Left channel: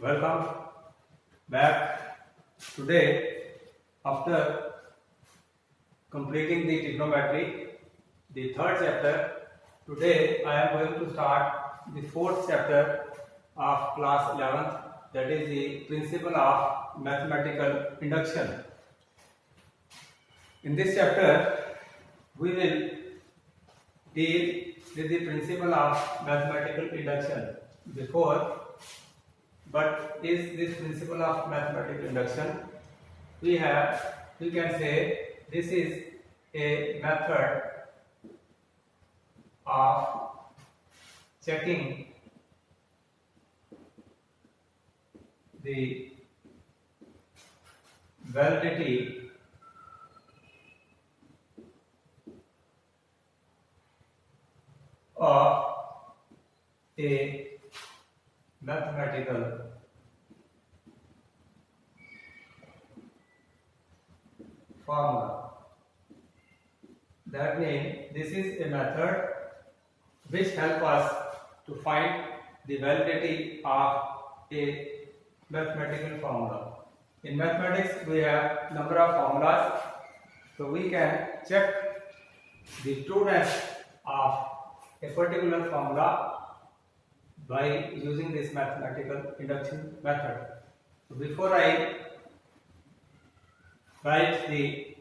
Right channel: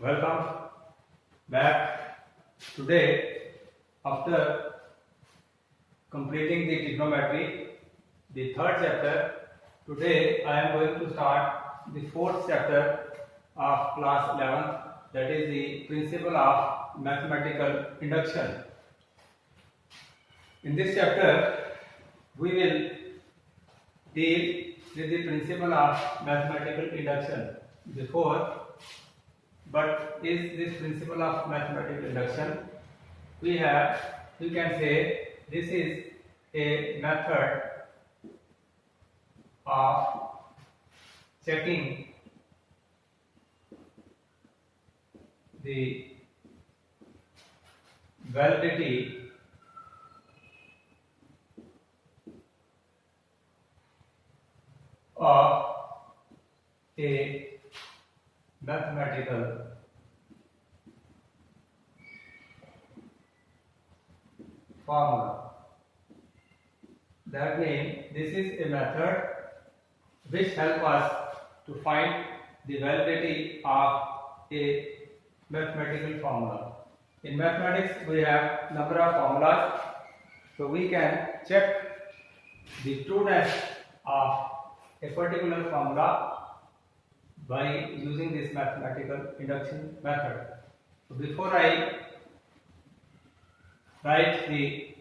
Welcome back. Today, after completing the trigonometry, the third chapter, today I am going to start the fourth chapter of class 11th, that is the principle of mathematical induction. In this chapter, we will deal with the principle of mathematical induction. But is this principle of mathematical induction? We can say this is a method of checking the validity of a mathematical formula. That means this is a method which helps us to find the validity of a mathematical formula. In mathematics, we have number of formulas, so we can check the trueness of a particular formula by using this mathematical induction method. So before I write the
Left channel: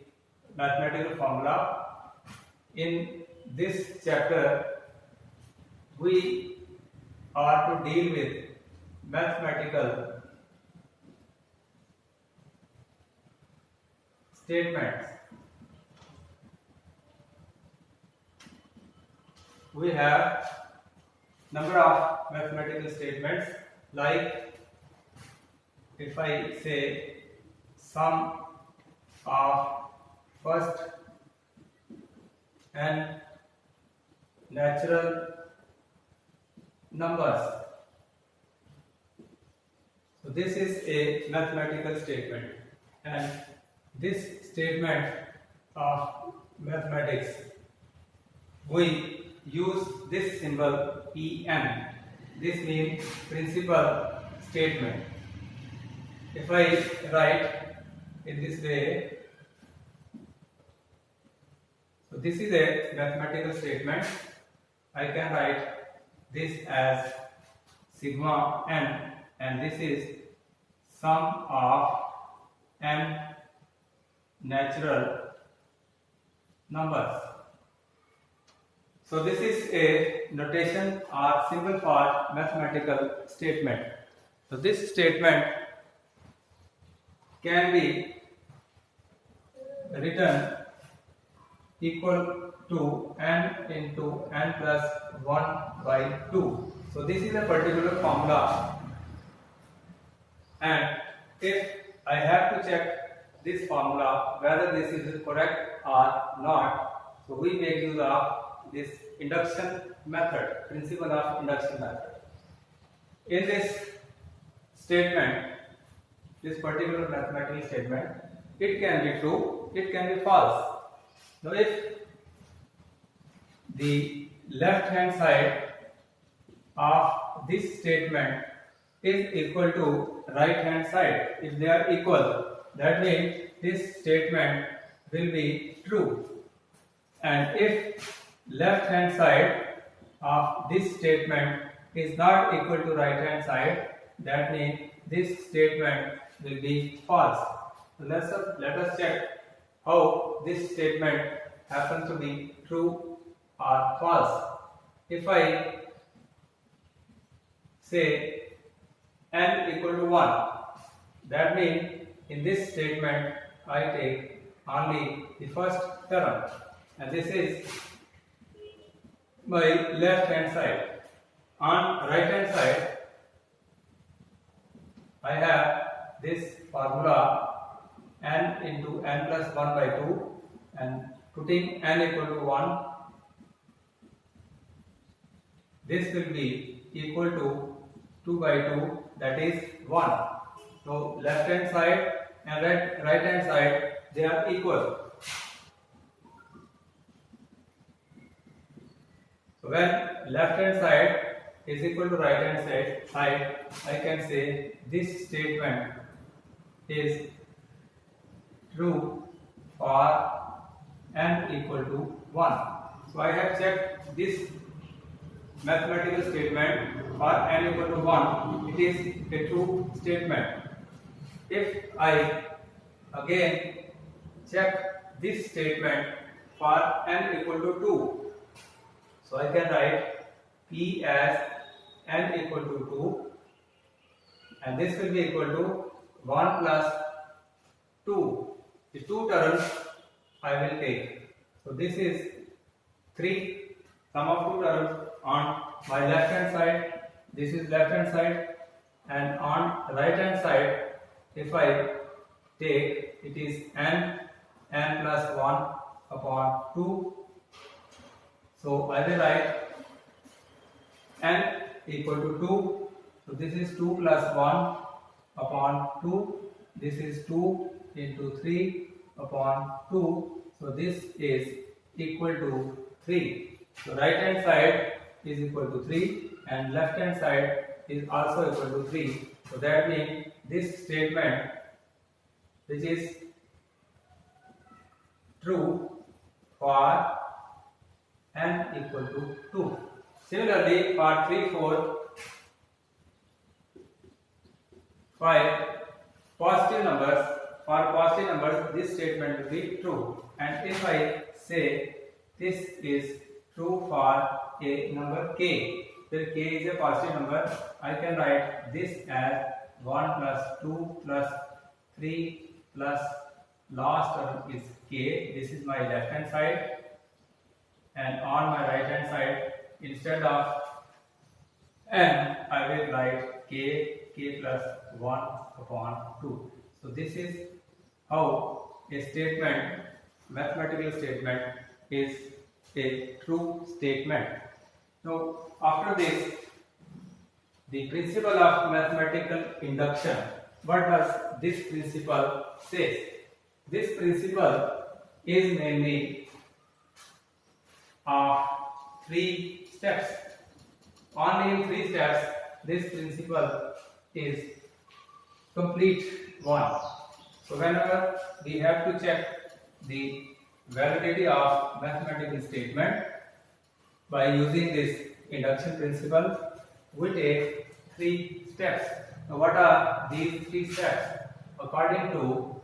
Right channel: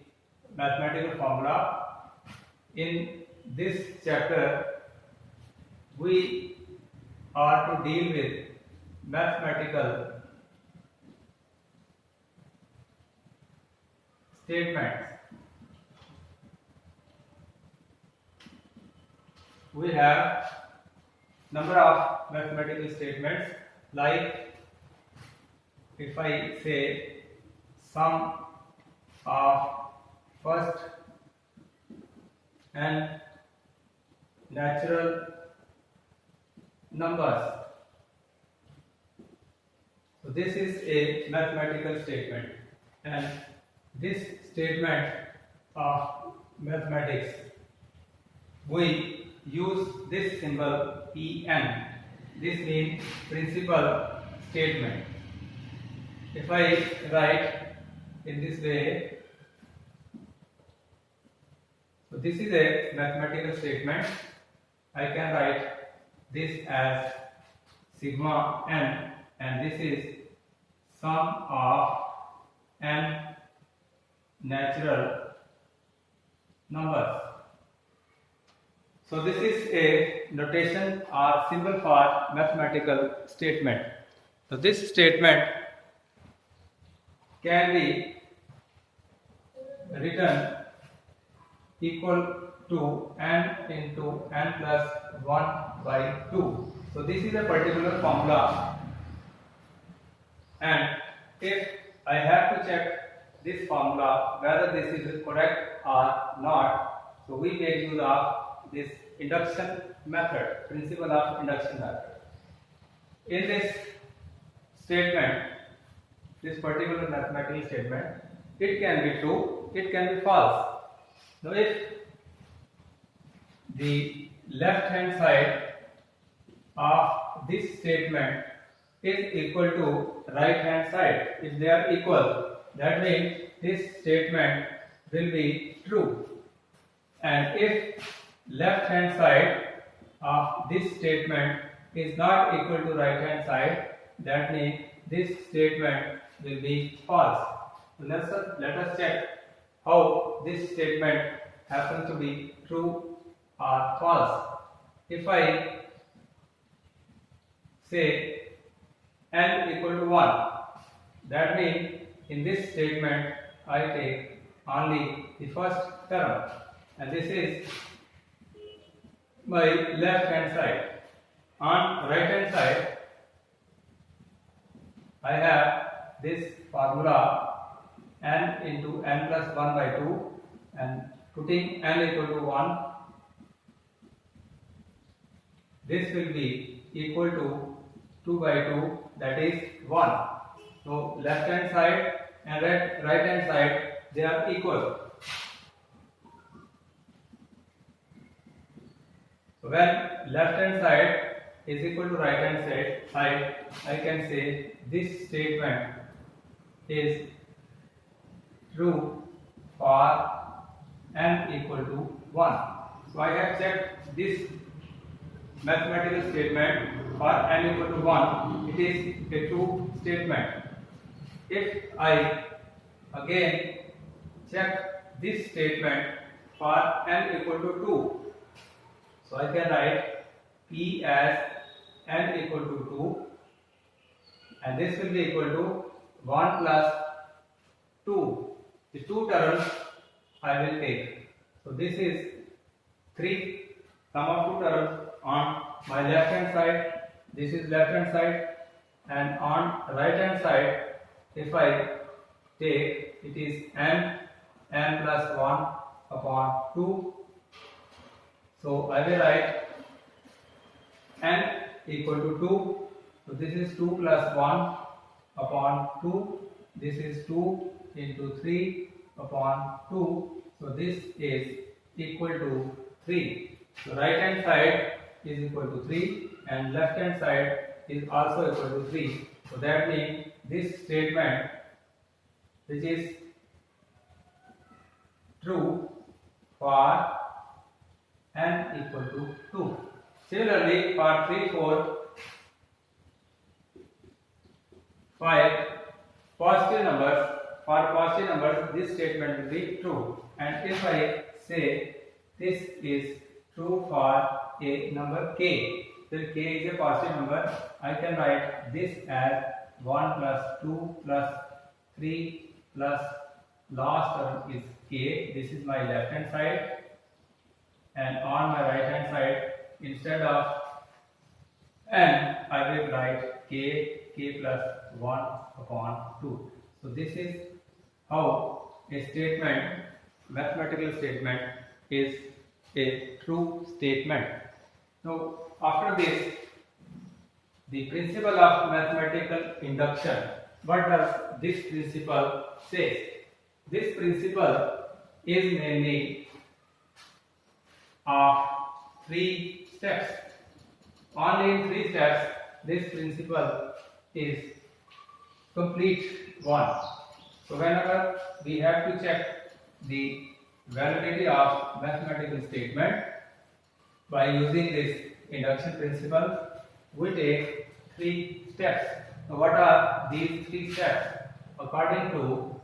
mathematical formula, in this chapter we are to deal with mathematical statements. We have number of mathematical statements, like if I say sum of first n natural numbers. So this is a mathematical statement, and this statement of mathematics we use this symbol En. This means principal statement. If I write in this way, so this is a mathematical statement. I can write this as sigma n, and this is sum of n natural numbers. So this is a notation or symbol for mathematical statement. So this statement can be written equal to n into n plus 1 by 2. So this is a particular formula, and if I have to check this formula whether this is correct or not, so we make use of this induction method, principle of induction method. In this statement, this particular mathematical statement, it can be true, it can be false. Now if the left hand side of this statement is equal to right hand side, if they are equal, that means this statement will be true. And if left hand side of this statement is not equal to right hand side, that means this statement will be false. So let us check how this statement happens to be true or false. If I say n equal to 1, that means in this statement I take only the first term, and this is my left hand side. On right hand side, I have this formula n into n plus 1 by 2, and putting n equal to 1, this will be equal to 2 by 2, that is 1. So left hand side and right hand side, they are equal. So when left hand side is equal to right hand side, I can say this statement is true for n equal to 1. So I have checked this mathematical statement for n equal to 1. It is a true statement. If I again check this statement for n equal to 2, so I can write P as n equal to 2, and this will be equal to 1 plus 2. The two terms I will take. So this is 3, sum of two terms on my left hand side, this is left hand side, and on right hand side, if I take, it is n plus 1 upon 2. So I will write n equal to 2. So this is 2 plus 1 upon 2. This is 2 into 3 upon 2. So this is equal to 3. So right hand side is equal to 3 and left hand side is also equal to 3. So that means this statement, which is true for n equal to 2. Similarly, for 3, 4, 5 positive numbers, for positive numbers this statement will be true. And if I say this is true for a number k, then k is a positive number, I can write this as 1 plus 2 plus 3 plus last term is k. This is my left hand side, and on my right hand side, instead of n, I will write k plus 1 upon 2. So this is how a statement, mathematical statement, is a true statement. Now after this, the principle of mathematical induction. What does this principle say? This principle is mainly of 3 steps. Only in 3 steps this principle is complete one. So whenever we have to check the validity of mathematical statement by using this induction principle, we take 3 steps. Now what are these 3 steps? According to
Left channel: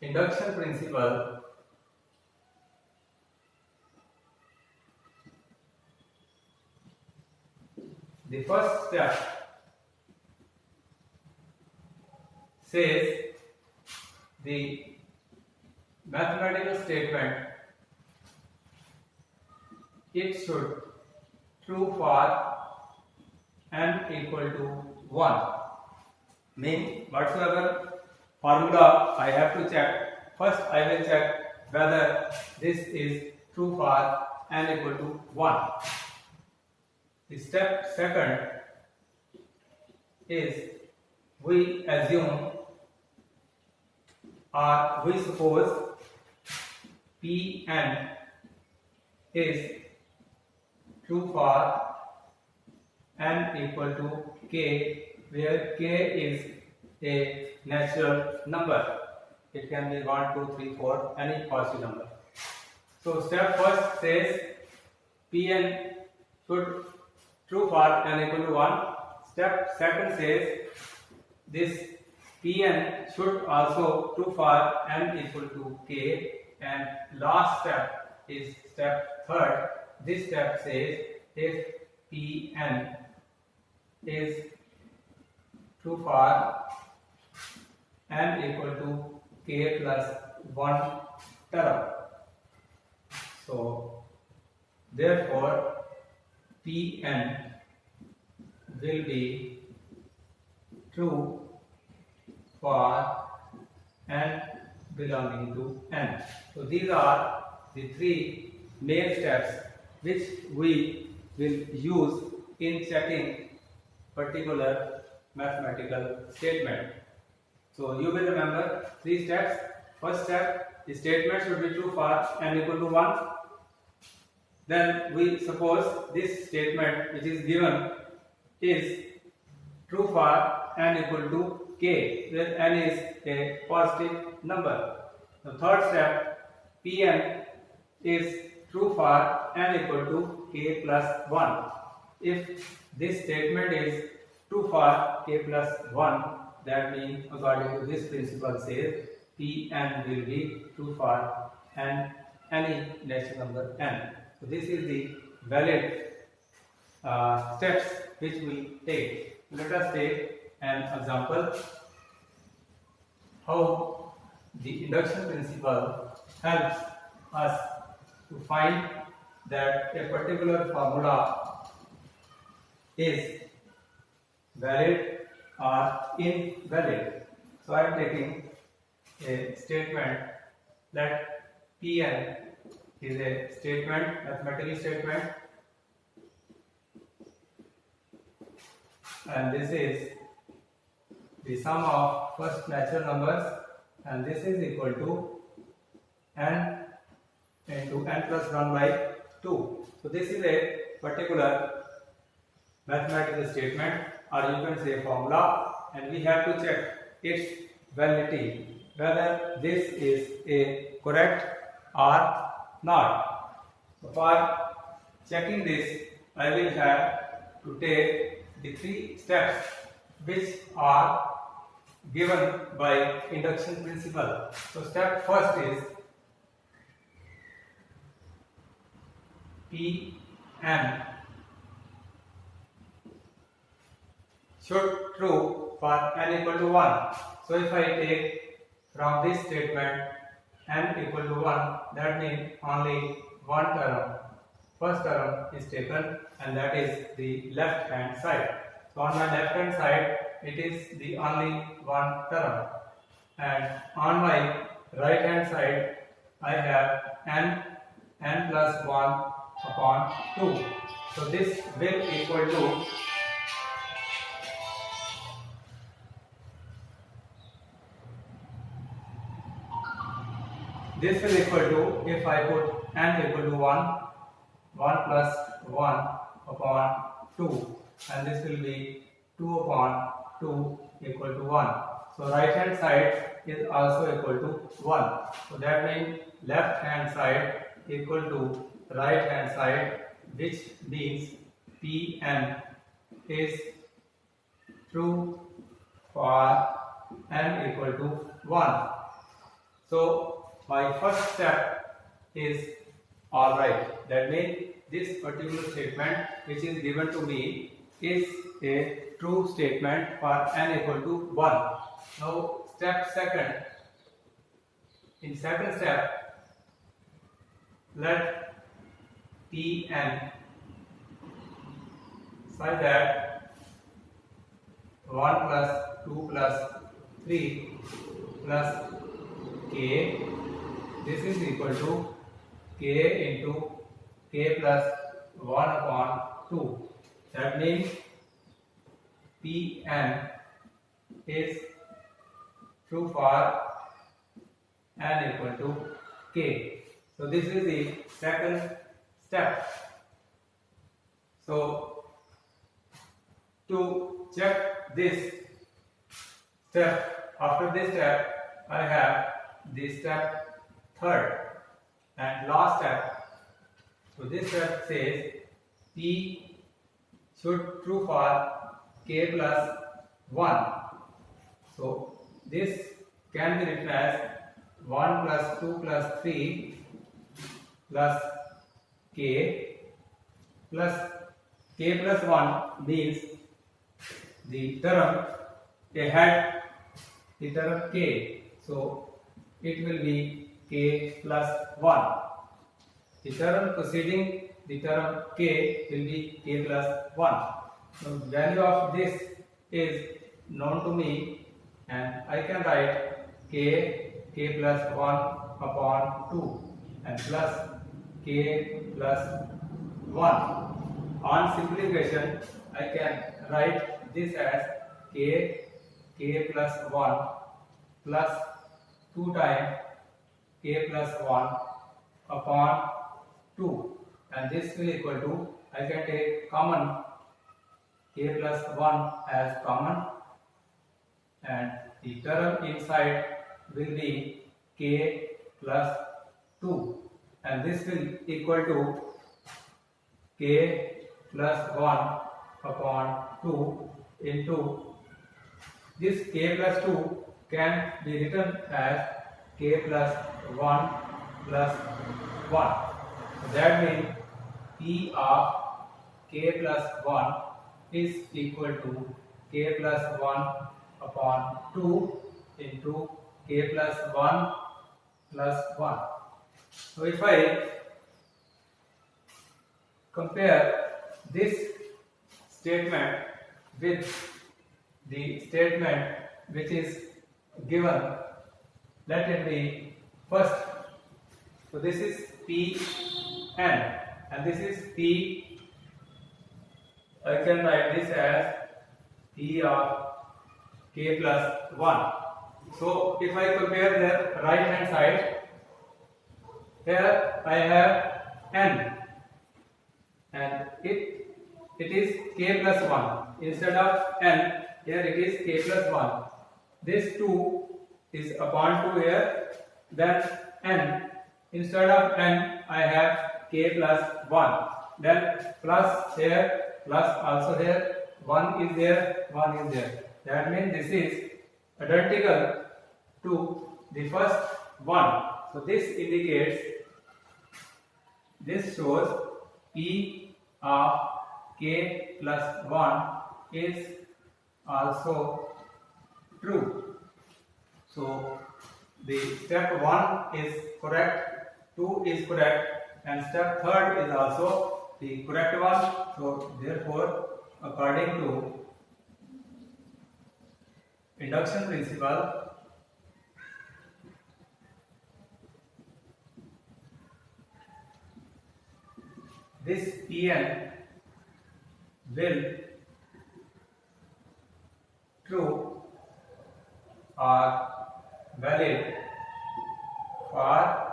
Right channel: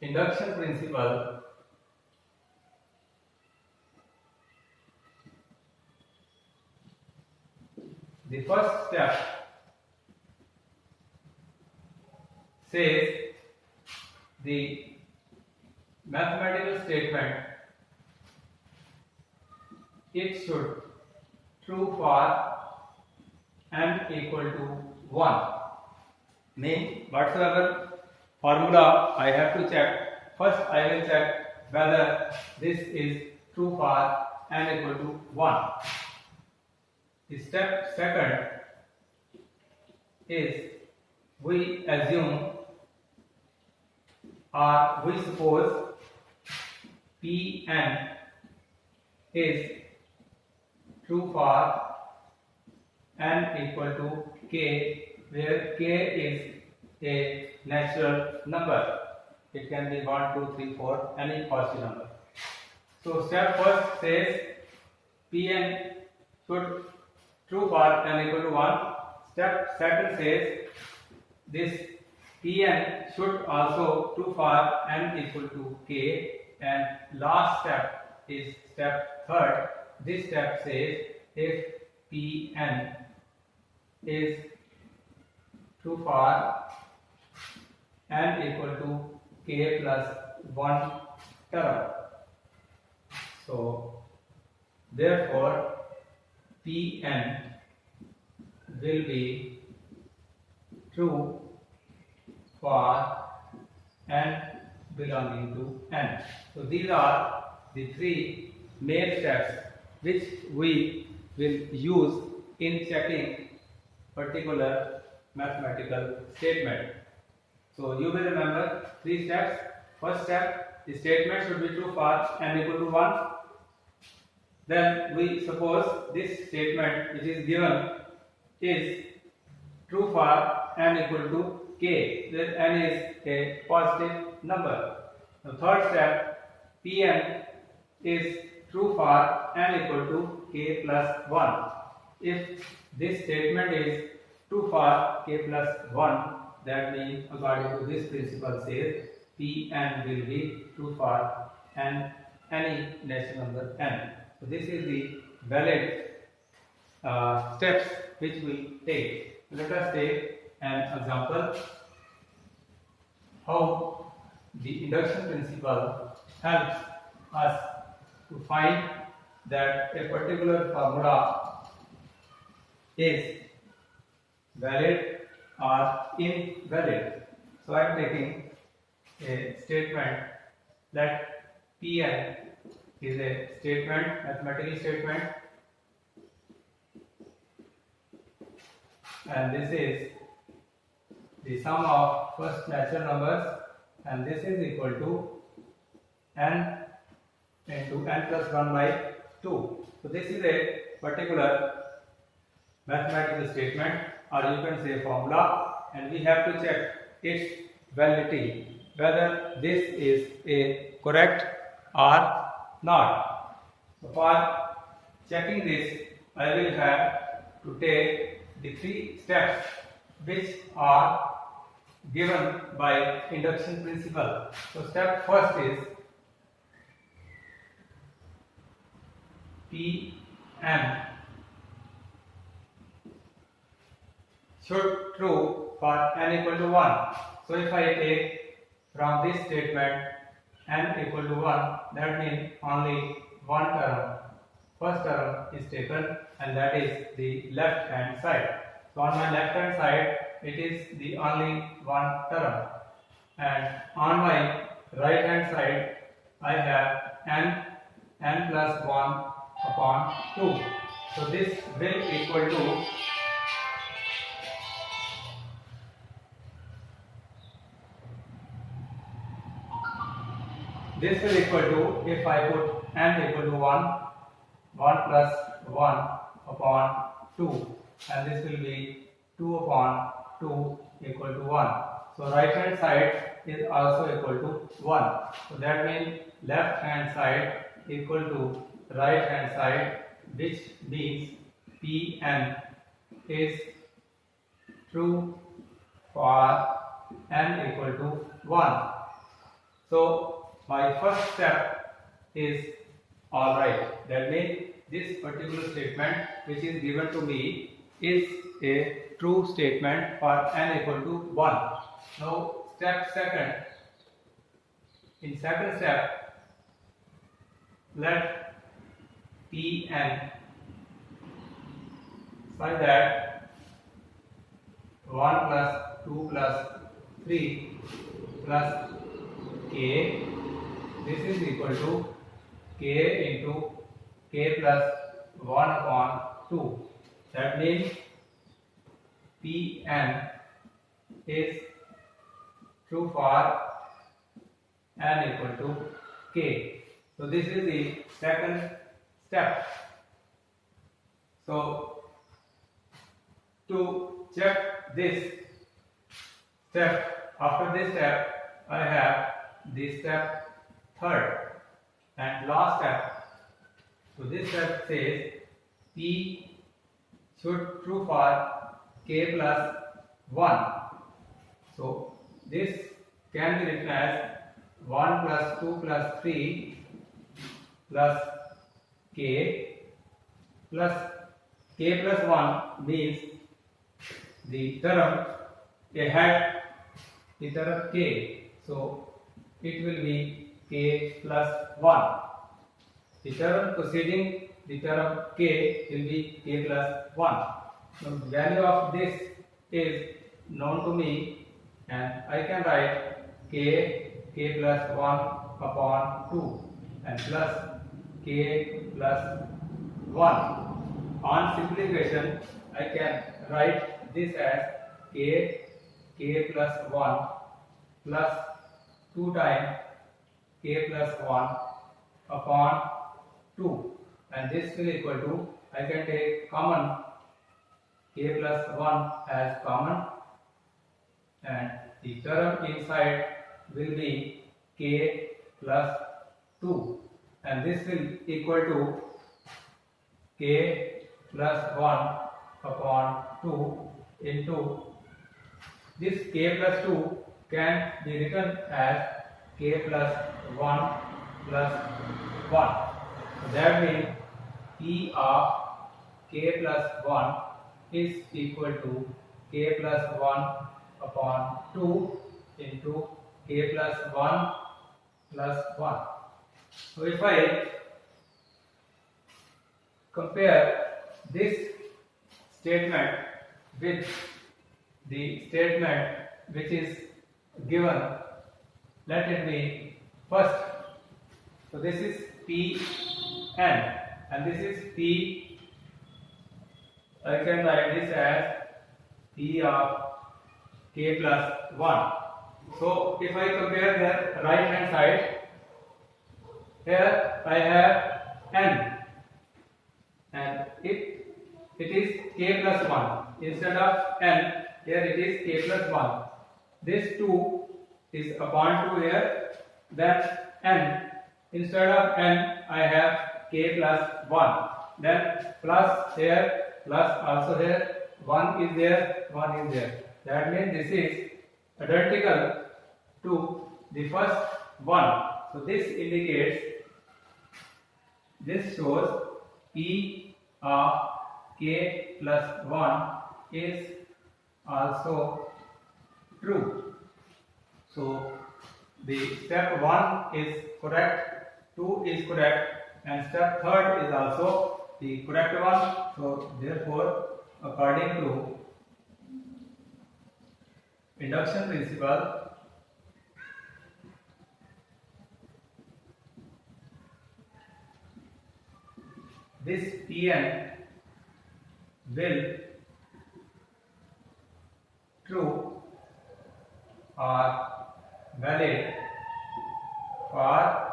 induction principle, the first step says the mathematical statement, it should true for n equal to 1. Mean whatsoever formula I have to check, first I will check whether this is true for n equal to 1. The step second is we assume or we suppose Pn is true for n equal to k, where k is a natural number. It can be 1, 2, 3, 4, any positive number. So step first says Pn should true for n equal to 1. Step second says this Pn should also true for n equal to k, and last step is step third. This step says if Pn is true for n equal to k plus 1 term. So therefore Pn will be true for n belonging to n. So these are the 3 main steps which we will use in checking particular mathematical statement. So you will remember 3 steps. First step, the statement should be true for n equal to 1. then we suppose this statement which is given is true for n equal to k, where n is a positive number. The third step, Pn is true for n equal to k plus 1. If this statement is true for k plus 1, that means according to this principle says Pn will be true for n, any natural number n. So this is the valid steps which we take. Let us take an example how the induction principle helps us to find that a particular formula is valid or invalid. So I am taking a statement that Pn is a statement, mathematical statement, and this is the sum of first natural numbers, and this is equal to n into n plus 1 by 2. So this is a particular mathematical statement, or you can say formula, and we have to check its validity, whether this is a correct or not. So for checking this, I will have to take the 3 steps which are given by induction principle. So step first is Pn should true for n equal to 1. So if I take from this statement n equal to 1, that means only one term, first term is taken, and that is the left hand side. So on my left hand side it is the only one term, and on my right hand side I have n plus 1 upon 2. So this will equal to if I put n equal to 1 plus 1 upon 2, and this will be 2 upon 2 equal to 1. So right hand side is also equal to 1. So that means left hand side equal to right hand side, which means Pn is true for n equal to 1. So my first step is alright. That means this particular statement which is given to me is a true statement for n equal to 1. Now step second. In second step, let Pn such that 1 plus 2 plus 3 plus k, this is equal to k into k plus 1 upon 2. That means Pn is true for n equal to k. So this is the second step. So to check this step, after this step I have the step third and last step. So this step says P should true for k plus 1. So this can be written as 1 plus 2 plus 3 plus k plus 1 means the term ahead the term k. So it will be k plus 1. The term preceding the term k will be k plus 1. Now the value of this is known to me, and I can write k plus 1 upon 2 and plus k plus 1. On simplification, I can write this as k plus 1 plus 2 times k plus 1 upon 2, and this will equal to, I can take common k plus 1 as common, and the term inside will be k plus 2, and this will equal to k plus 1 upon 2 into this k plus 2 can be written as k plus 1 plus 1. That means P of k plus 1 is equal to k plus 1 upon 2 into k plus 1 plus 1. So if I compare this statement with the statement which is given, let it be first. So this is Pn and this is P. I can write this as P of k plus 1. So if I compare the right hand side, here I have n and it is k plus 1. Instead of n, here it is k plus 1. This 2 is upon 2 here, then n. Instead of n, I have k plus 1. Then plus here, plus also here, 1 is there, 1 is there. That means this is identical to the first one. So this indicates, this shows P of k plus 1 is also true. So the step 1 is correct, 2 is correct, and step 3 is also the correct one. So therefore, according to induction principle, this Pn will true or valid for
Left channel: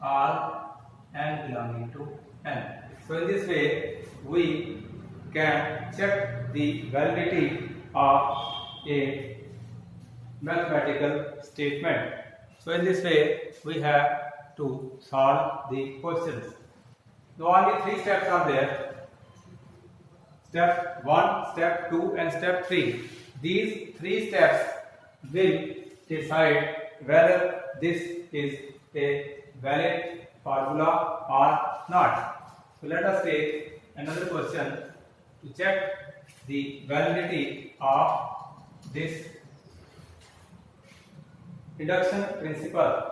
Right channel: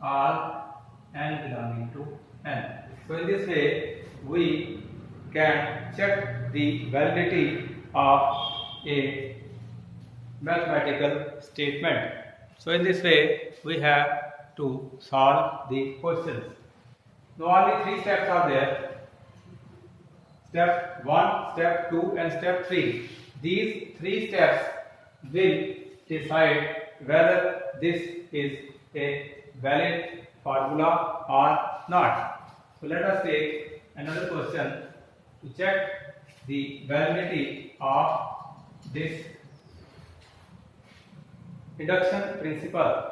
all n belonging to n. So in this way we can check the validity of a mathematical statement. So in this way we have to solve the questions. So only 3 steps are there. Step 1, step 2 and step 3. These 3 steps will decide whether this is a valid formula or not. So let us take another question to check the validity of this induction principle.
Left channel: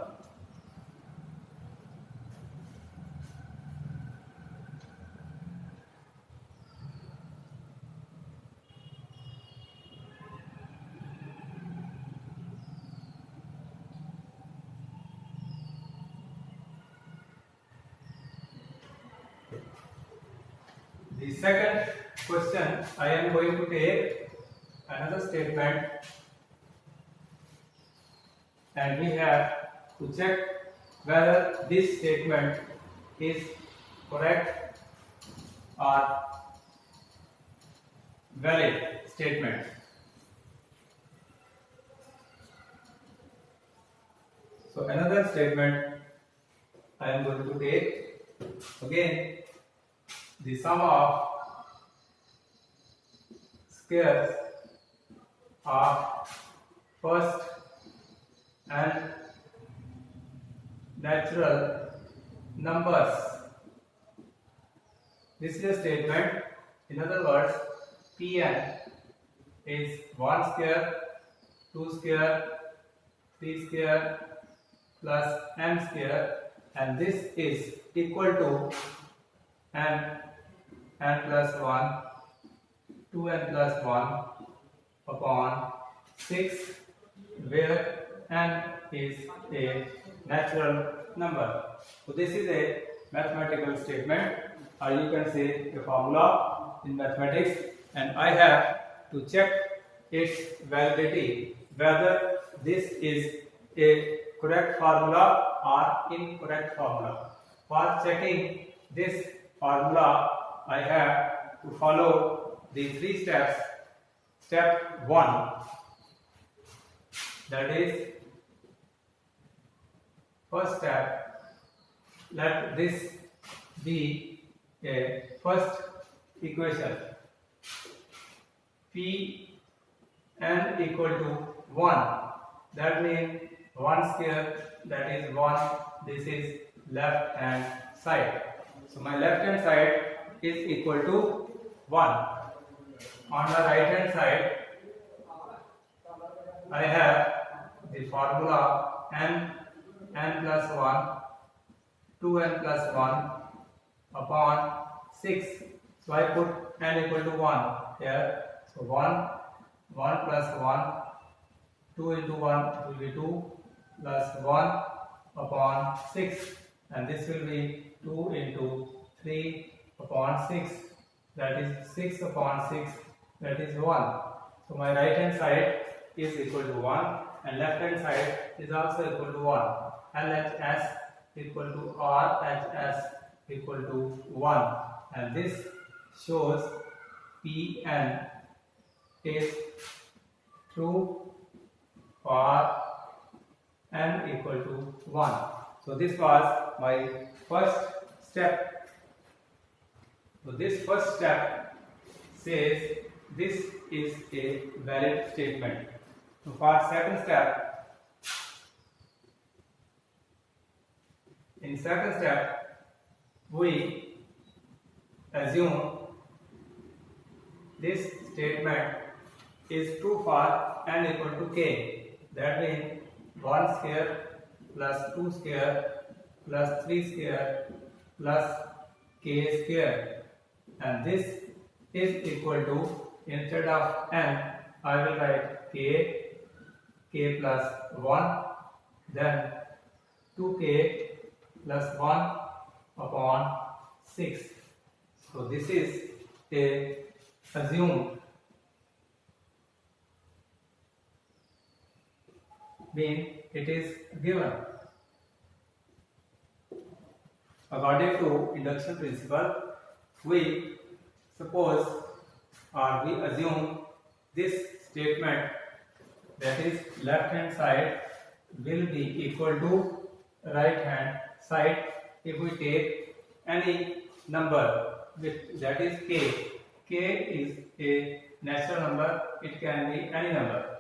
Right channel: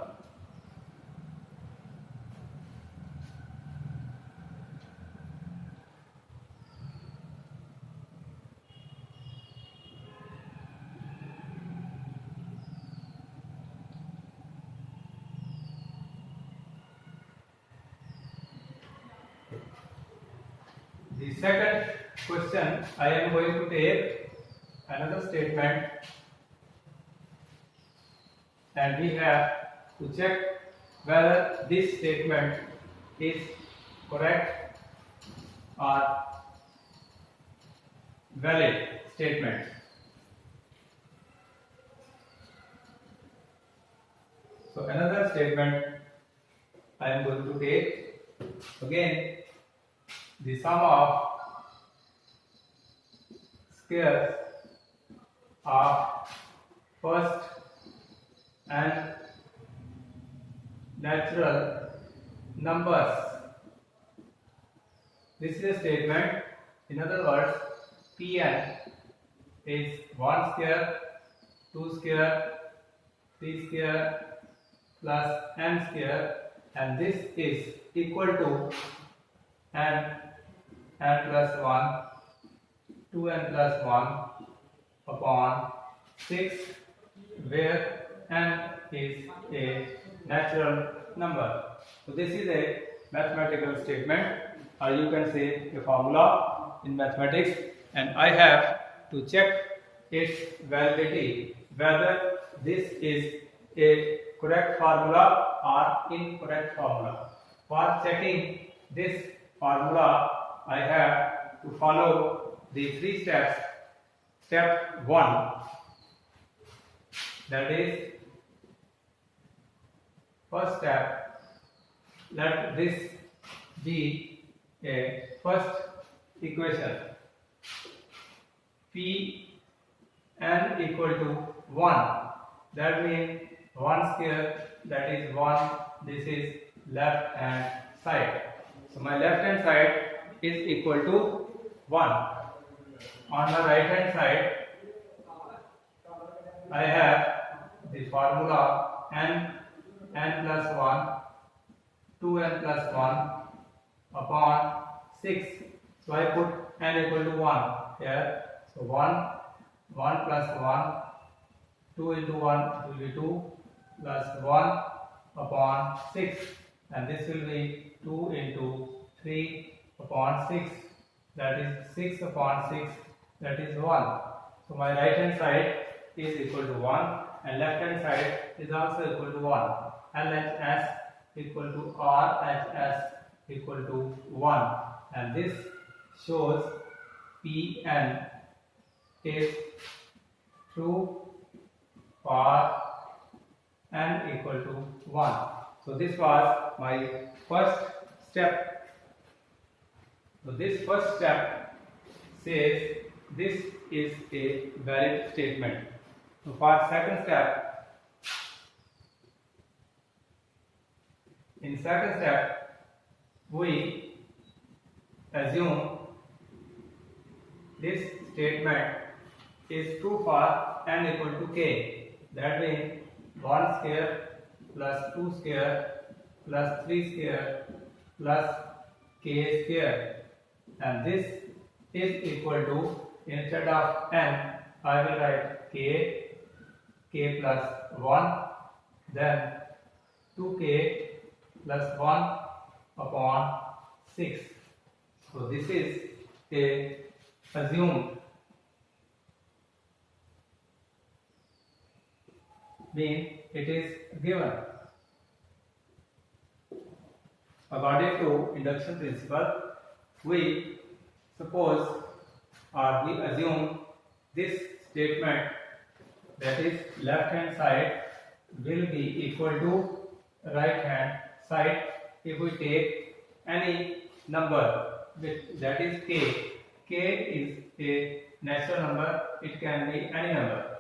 The second question, I am going to take another statement and we have to check whether this statement is correct or valid statement. So another statement I am going to take. Again, the sum of squares of first and natural numbers. This is a statement. In other words, Pn is 1 square, 2 square, 3 square plus n square, and this is equal to n plus 1, 2n plus 1 upon 6, where n is a natural number. So this is a mathematical statement, or you can say a formula in mathematics, and I have to check its validity, whether this is a correct formula or incorrect formula. For checking this formula I have to follow the 3 steps. Step 1, that is first step, let this be a first equation. P n equal to 1, that means 1 square, that is 1. This is left hand side. So my left hand side is equal to 1. On the right hand side, I have the formula n plus 1, 2n plus 1 upon 6. So I put n equal to 1 here. So 1 plus 1, 2 into 1 will be 2 plus 1 upon 6, and this will be 2 into 3 upon 6, that is 6 upon 6, that is 1. So my right hand side is equal to 1 and left hand side is also equal to 1. LHS equal to RHS equal to 1, and this shows Pn is true for n equal to 1. So this was my first step. So this first step says this is a valid statement. So for second step, in second step we assume this statement is true for n equal to k. That means 1 square plus 2 square plus 3 square plus k square, and this is equal to, instead of n I will write k plus 1, then 2k plus 1 upon 6. So this is a assumed, mean it is given. According to induction principle, we suppose or we assume this statement, that is left hand side will be equal to right hand side if we take any number that is k. K is a natural number, it can be any number,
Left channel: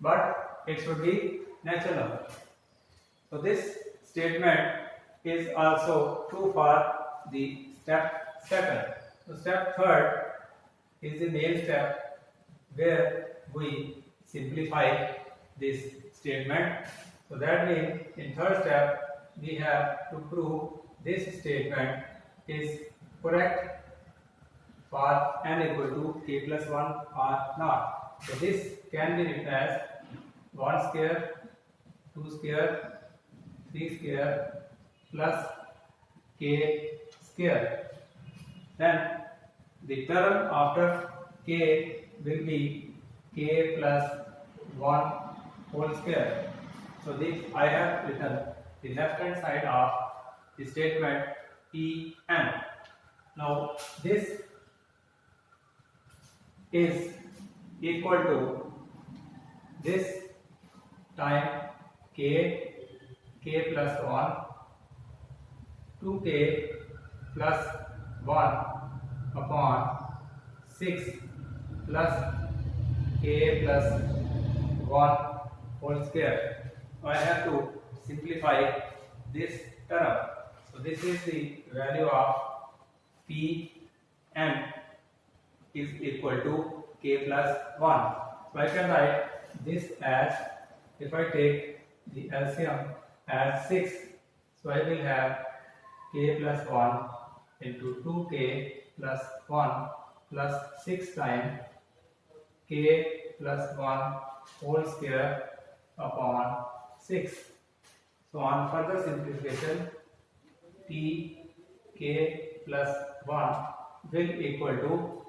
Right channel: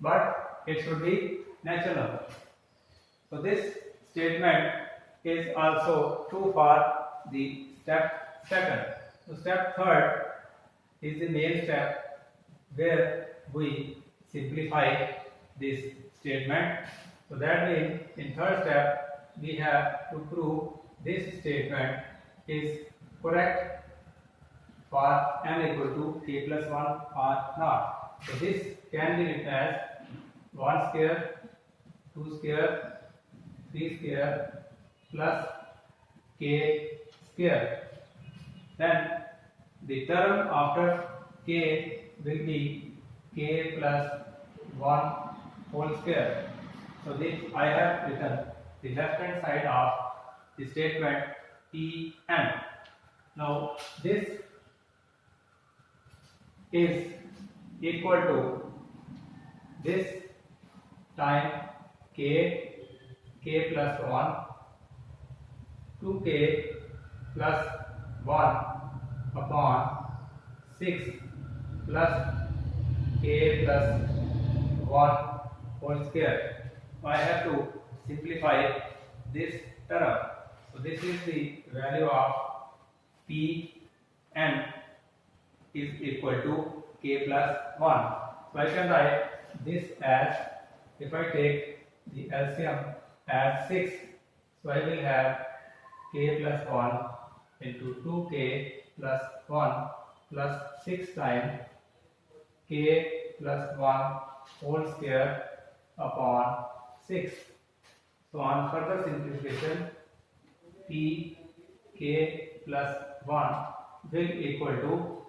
but it should be natural number. So this statement is also true for the step second. So step third is the main step where we simplify this statement. So that means in third step we have to prove this statement is correct for n equal to k plus 1 or not. So this can be written as 1 square, 2 square, 3 square plus k square. Then the term after k will be k plus 1 whole square. So this I have written the left hand side of the statement En. Now this is equal to this time k plus 1, 2k plus 1 upon 6 plus k plus 1 whole square. I have to simplify this term. So this is the value of Pn is equal to k plus 1. So I can write this as, if I take the LCM as 6, so I will have k plus 1 into 2k plus 1 plus 6 times k plus 1 whole square upon 6. So on further simplification, p k plus 1 will equal to,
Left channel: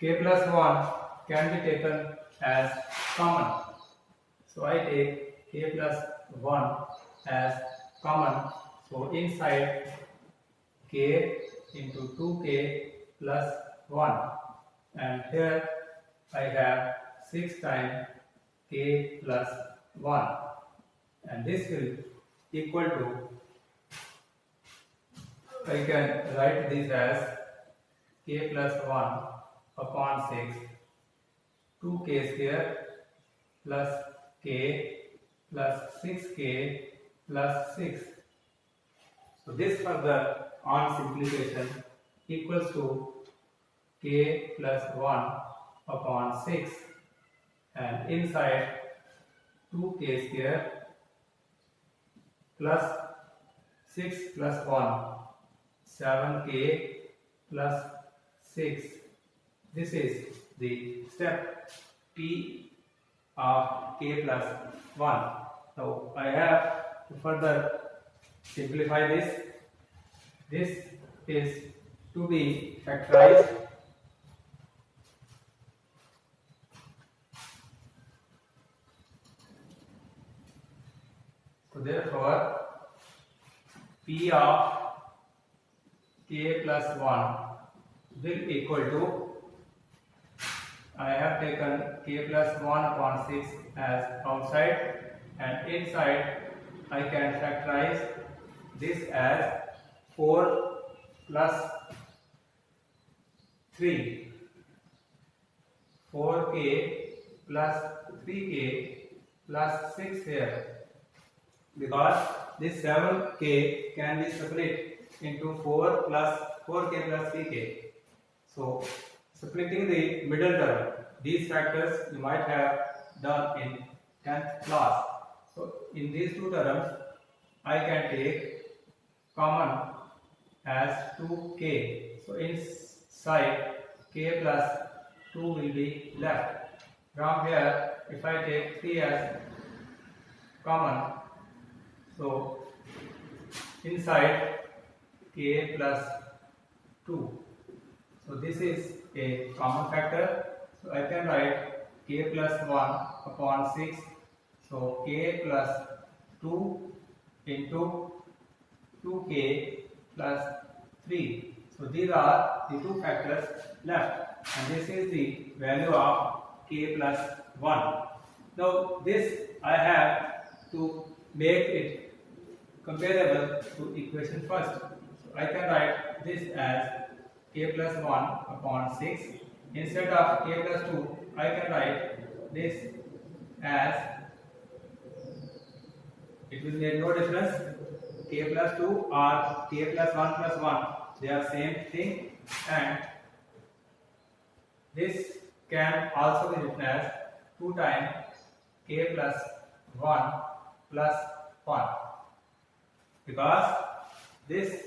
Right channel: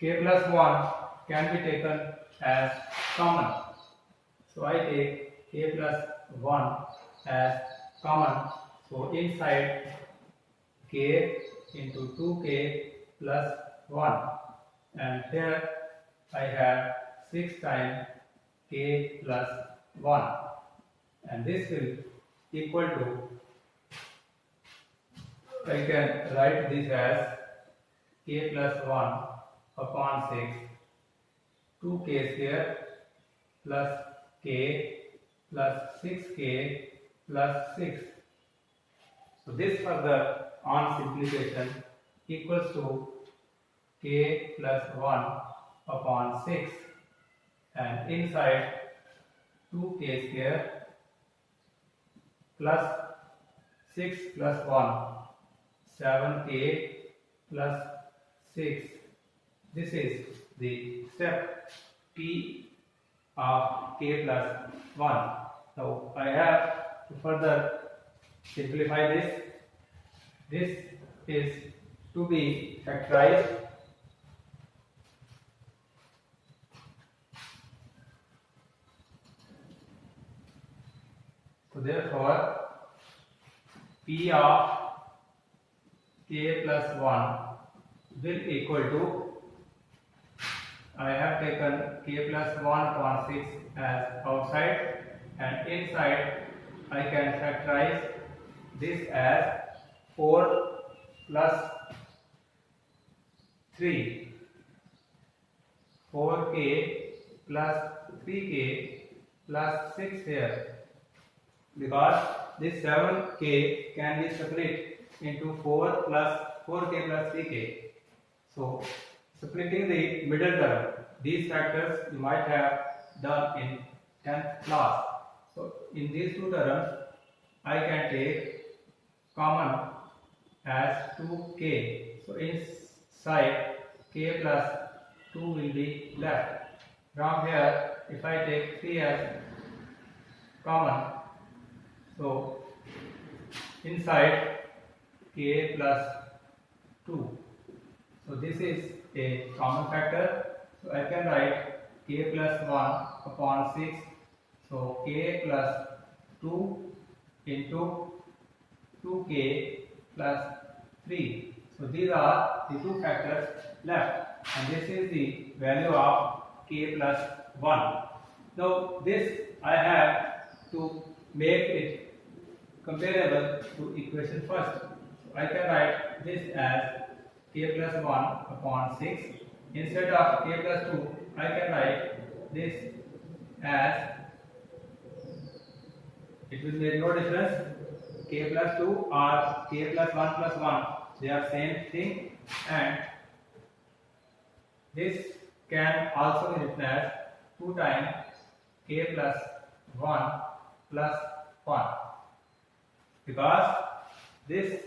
k plus 1 can be taken as common. So I take k plus 1 as common. So inside k into 2k plus 1, and here I have 6 times k plus 1, and this will equal to, I can write this as k plus 1 upon 6, 2k square plus k plus 6k plus 6. So this further on simplification equals to k plus 1 upon 6, and inside 2k square plus 6 plus 1, 7k plus 6. This is the step P of k plus 1. So I have to further simplify this. This is to be factorized. So therefore P of k plus 1 will equal to, I have taken k plus 1 upon 6 as outside, and inside I can factorize this as 4 plus 3, 4k plus 3k plus 6 here, because this 7k can be split into 4 plus 4k plus 3k. So splitting the middle term, these factors you might have done in 10th class. So in these two terms I can take common as 2k. So inside k plus 2 will be left. From here if I take 3 as common, so inside k plus 2. So this is a common factor. So I can write k plus 1 upon 6. So k plus 2 into 2k plus 3. So these are the two factors left, and this is the value of k plus 1. Now this I have to make it comparable to equation first. So I can write this as k plus 1 upon 6. Instead of k plus 2, I can write this as, it will make no difference, k plus 2 or k plus 1 plus 1, they are same thing, and this can also be written as 2 times k plus 1 plus 1, because this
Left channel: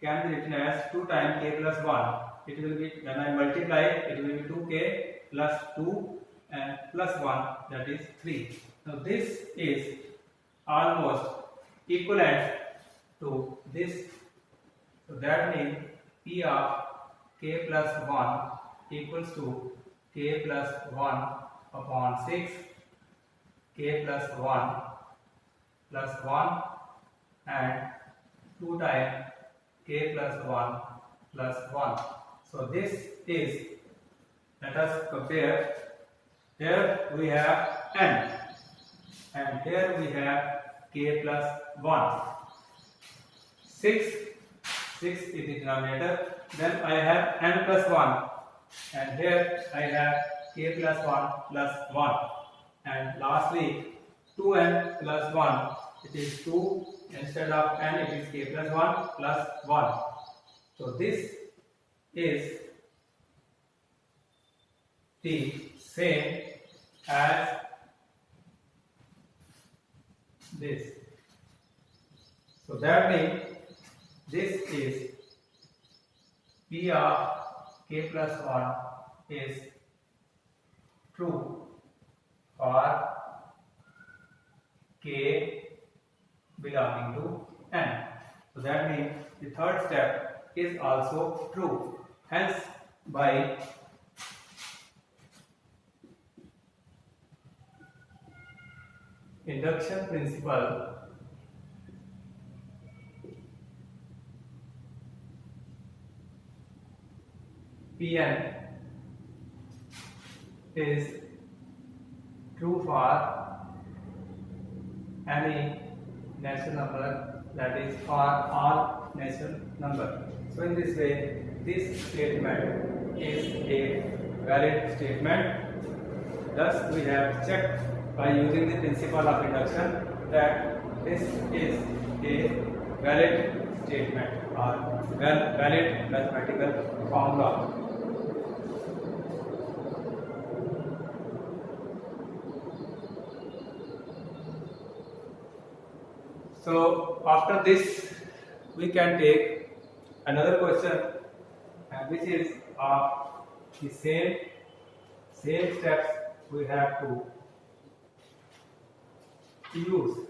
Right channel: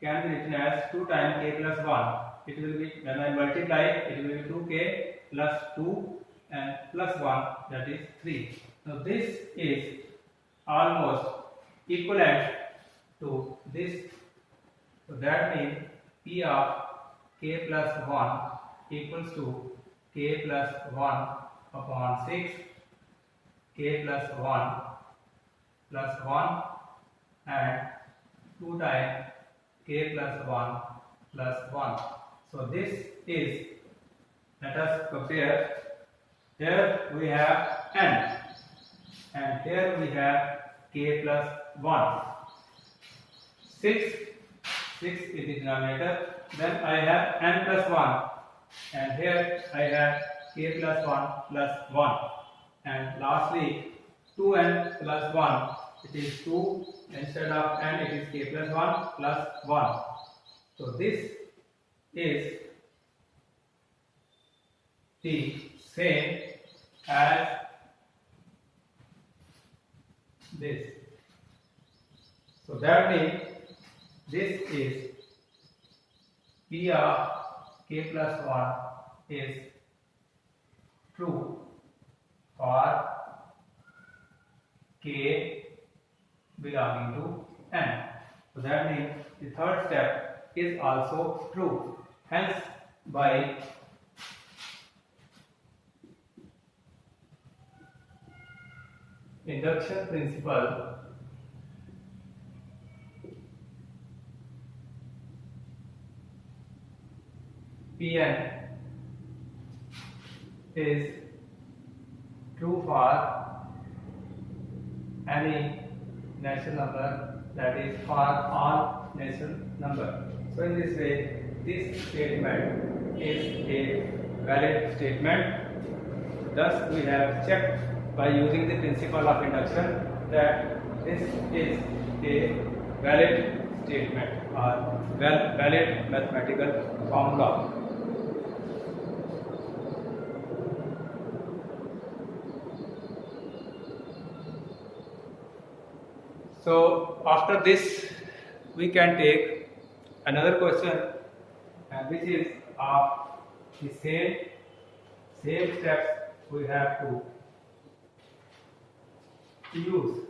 can be written as 2 times k plus 1. It will be, when I multiply, it will be 2k plus 2 and plus 1, that is 3. Now this is almost equivalent to this. So that means P of k plus 1 equals to k plus 1 upon 6, k plus 1 plus 1, and 2 times k plus 1 plus 1. So this is, let us compare. Here we have n, and here we have k plus 1. 6 is the denominator. Then I have n plus 1, and here I have k plus 1 plus 1. And lastly 2n plus 1, it is 2, instead of n it is k plus 1 plus 1. So this is the same as this. So that means this is P of k plus 1 is true for k belonging to n. So that means the third step is also true. Hence, by induction principle, Pn is true for any natural number, that is for all natural number. So in this way, this statement is a valid statement. Thus we have checked by using the principle of induction that this is a valid statement or valid mathematical formula. So after this we can take another question, which is of the same steps we have to use.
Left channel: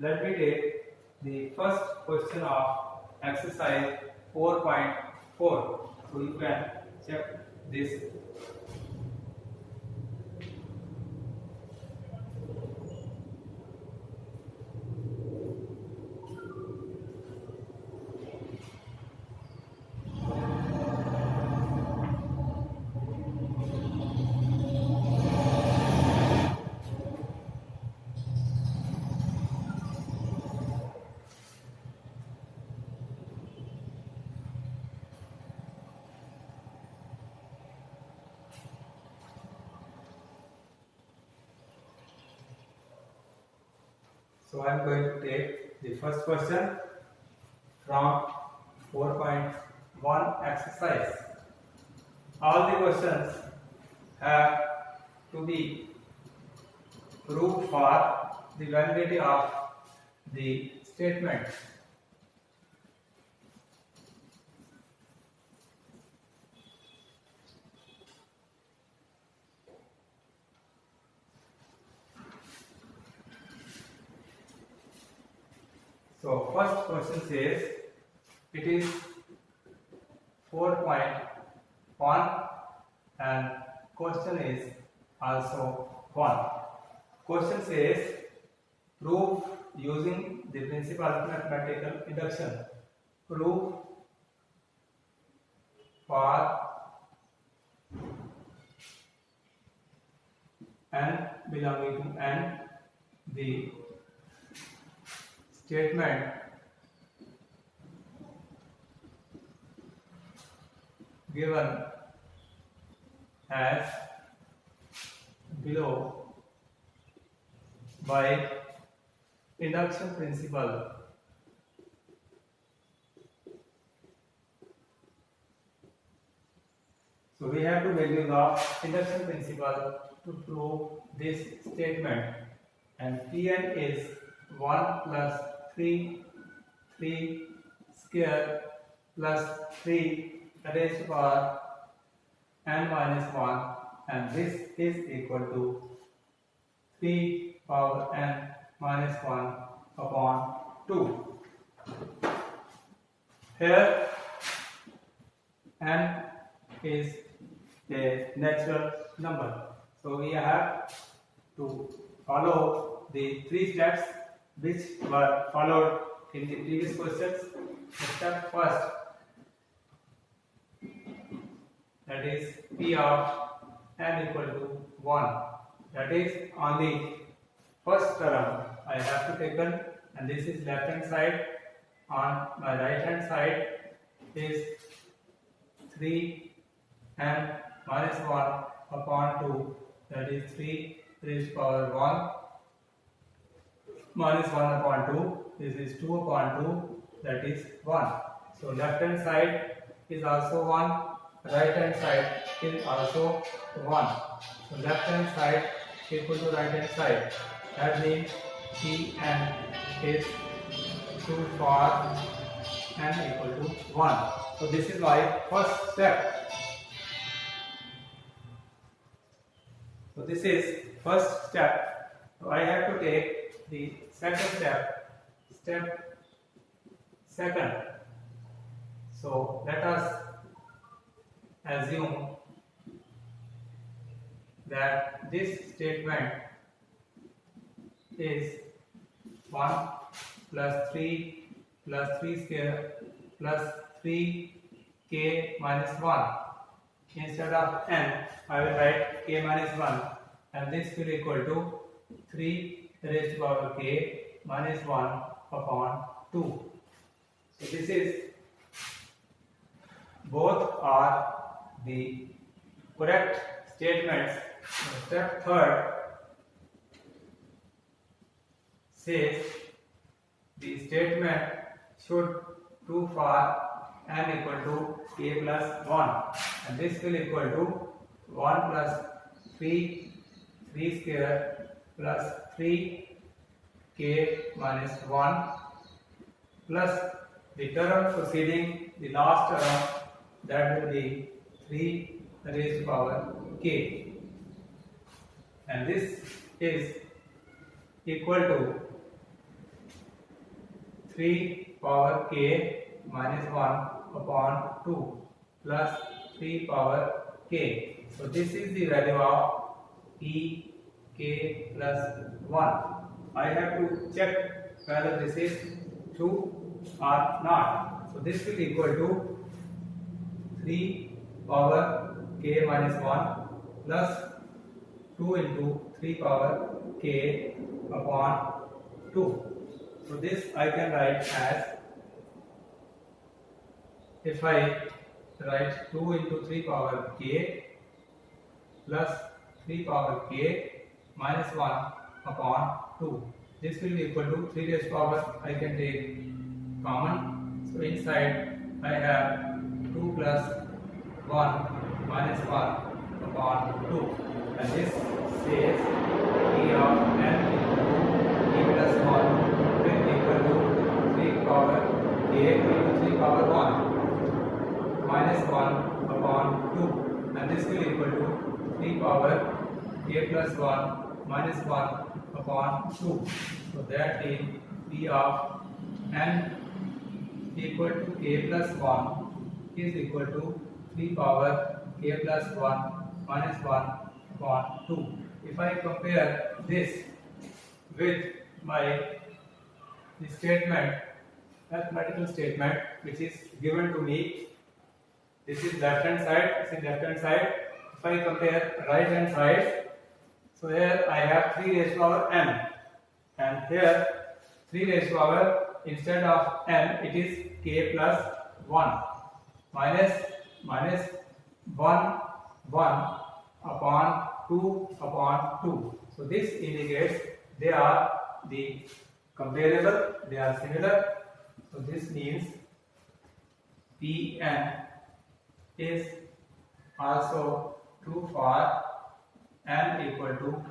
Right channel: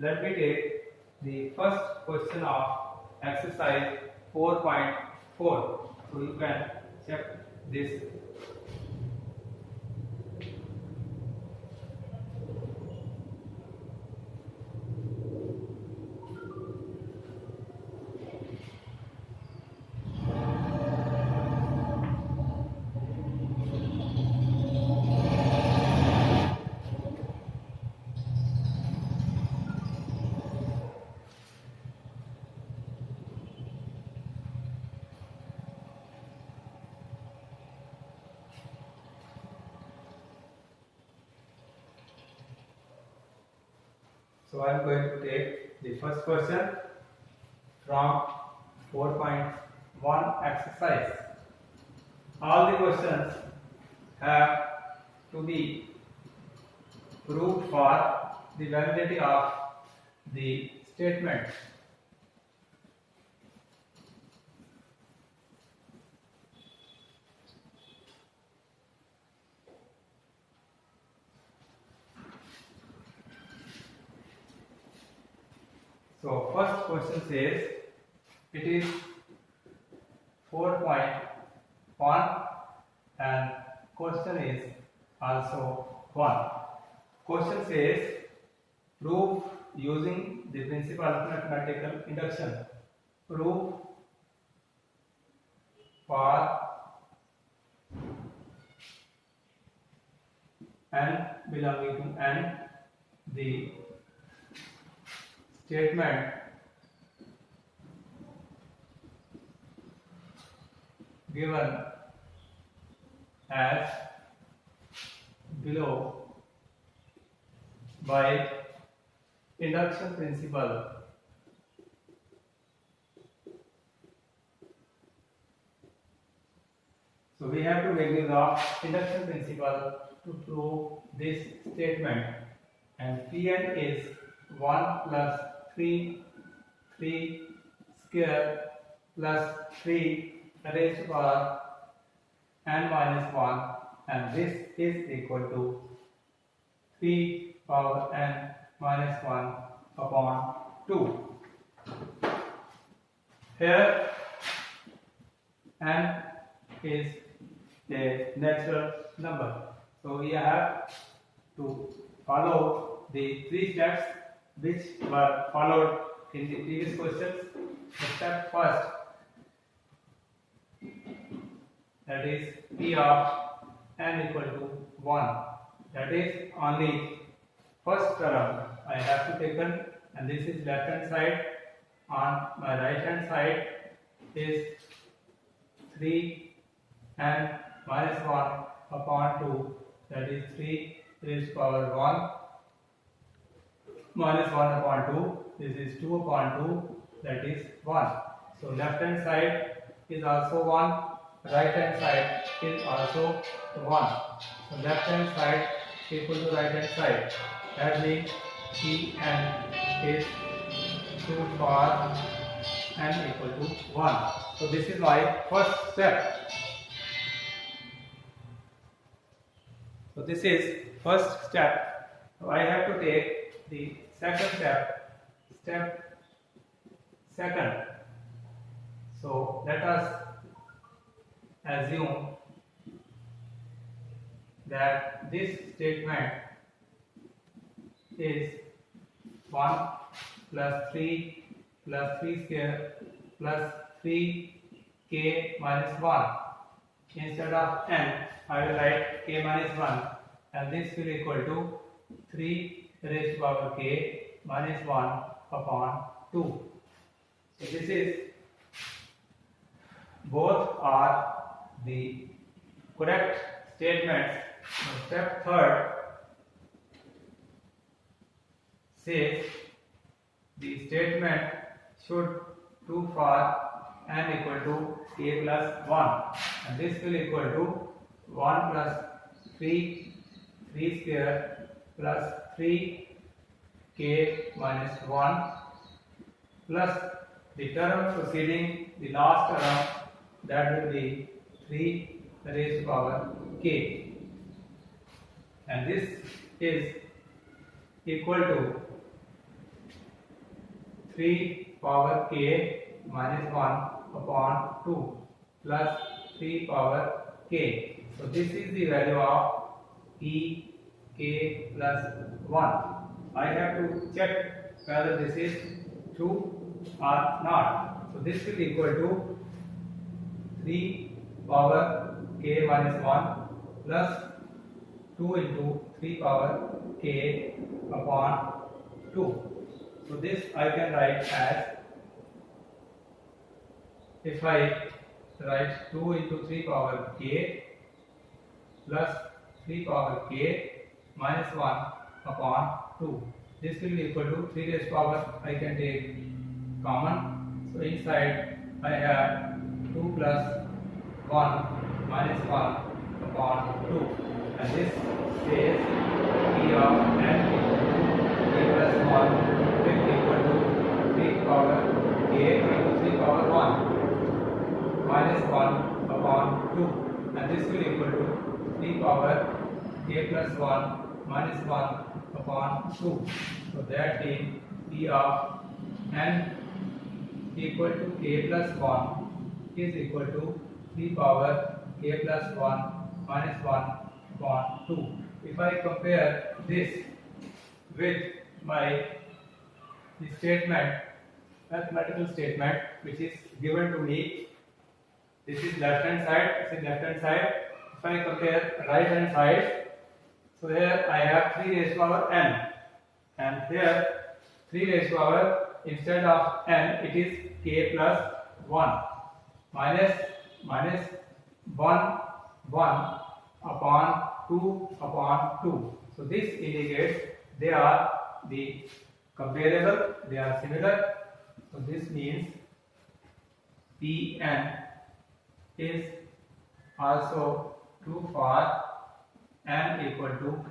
Let me take the first question of exercise 4.4. So you can check this. So I am going to take the first question from 4.1 exercise. All the questions have to be proved for the validity of the statement. So first question says it is 4.1 and question is also 1. Question says prove using the principle of mathematical induction. Prove for n belonging to n the statement given as below by induction principle. So we have to make use of induction principle to prove this statement, and Pn is 1 plus 3 square plus 3 raised to power n minus 1, and this is equal to 3 power n minus 1 upon 2. Here n is a natural number, so we have to follow the 3 steps which were followed in the previous questions. Step first, that is P of n equal to 1, that is on the first term I have to taken, and this is left hand side. On my right hand side is 3 n minus 1 upon 2, that is 3 raised to power 1 minus 1 upon 2, this is 2 upon 2, that is 1. So left hand side is also 1, right hand side is also 1. So left hand side equal to right hand side, that means Pn is 2 for n equal to 1. So this is my first step. So this is first step. So I have to take the second step, step second. So let us assume that this statement is 1 plus 3 square plus 3 k minus 1. Instead of n, I will write k minus 1, and this will equal to 3 raised to power k minus 1 upon 2. So this is, both are the correct statements. Step third says the statement should true for n equal to k plus 1, and this will equal to 1 plus 3 square plus 3k minus 1 plus the term preceding the last term, that will be 3 raised to power k, and this is equal to 3 power k minus 1 upon 2 plus 3 power k. So this is the value of e k plus 1. I have to check whether this is true or not. So this will equal to 3 power k minus 1 plus 2 into 3 power k upon 2. So this I can write as, if I write 2 into 3 power k plus 3 power k minus 1 upon 2. This will be equal to 3 raised to power, I can take common. So inside I have 2 plus 1 minus 1 upon 2, and this says p of n k plus 1 will equal to 3 power k into 3 power 1 minus 1 upon 2, and this will equal to 3 power k plus 1 minus 1 upon 2. So that is p of n equal to k plus 1 is equal to 3 power k plus 1 minus 1 upon 2. If I compare this with my statement, mathematical statement, which is given to me, this is left hand side, this is left hand side. If I compare right hand side, so here I have 3 raised to power n, and here 3 raised to power, instead of n it is k plus 1 minus 1 upon 2 upon 2. So this indicates they are the comparable, they are similar. So this means Pn is also true for n equal to